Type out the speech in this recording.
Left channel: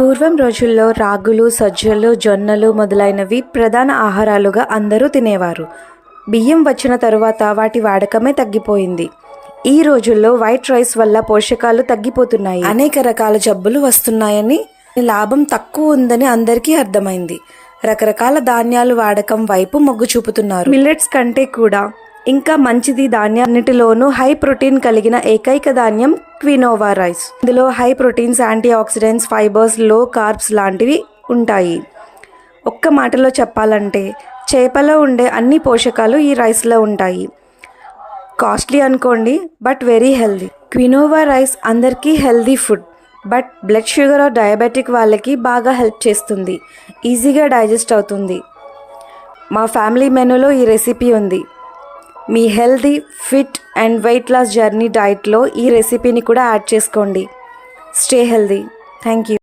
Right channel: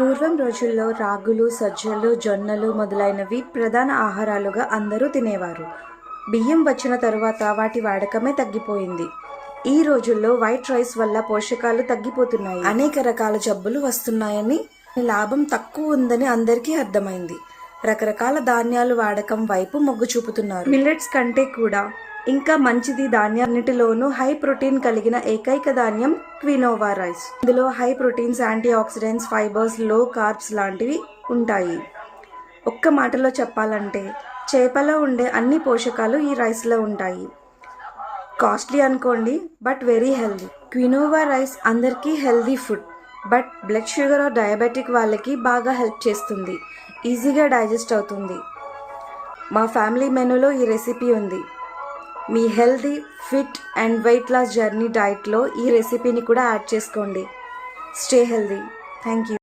పూర్వం రోజుల్లో రాగులు, సజ్జలు, జొన్నలు మొదలైనవి ప్రధాన ఆహారాలుగా అందరూ తినేవారు. బియ్యం వచ్చిన తరువాత వాటి వాడకమే తగ్గిపోయింది. ఈ రోజుల్లో వైట్ రైస్ వల్ల పోషకాలు తగ్గిపోతున్నాయి, అనేక రకాల జబ్బులు వస్తున్నాయని, లాభం తక్కువ ఉందని అందరికీ అర్థమైంది. రకరకాల ధాన్యాలు వాడకం వైపు మొగ్గు చూపుతున్నారు. మిల్లెట్స్ కంటే కూడా ఇంకా మంచిది ధాన్యాన్నిటిలోనూ హై ప్రోటీన్ కలిగిన ఏకైక ధాన్యం క్వినోవా రైస్. ఇందులో high proteins, antioxidants, fibres, low carbs లాంటివి ఉంటాయి. ఒక్క మాటలో చెప్పాలంటే చేపలో ఉండే అన్ని పోషకాలు ఈ రైస్లో ఉంటాయి. కాస్ట్లీ అనుకోండి, but very healthy. Quinoa rice అందరికీ healthy food, but blood sugar or diabetic వాళ్ళకి బాగా హెల్ప్ చేస్తుంది. ఈజీగా డైజెస్ట్ అవుతుంది. మా ఫ్యామిలీ మెనూలో ఈ రెసిపీ ఉంది. మీ healthy, fit and weight loss journey డైట్లో ఈ రెసిపీని కూడా యాడ్ చేసుకోండి. Stay healthy. Thank you.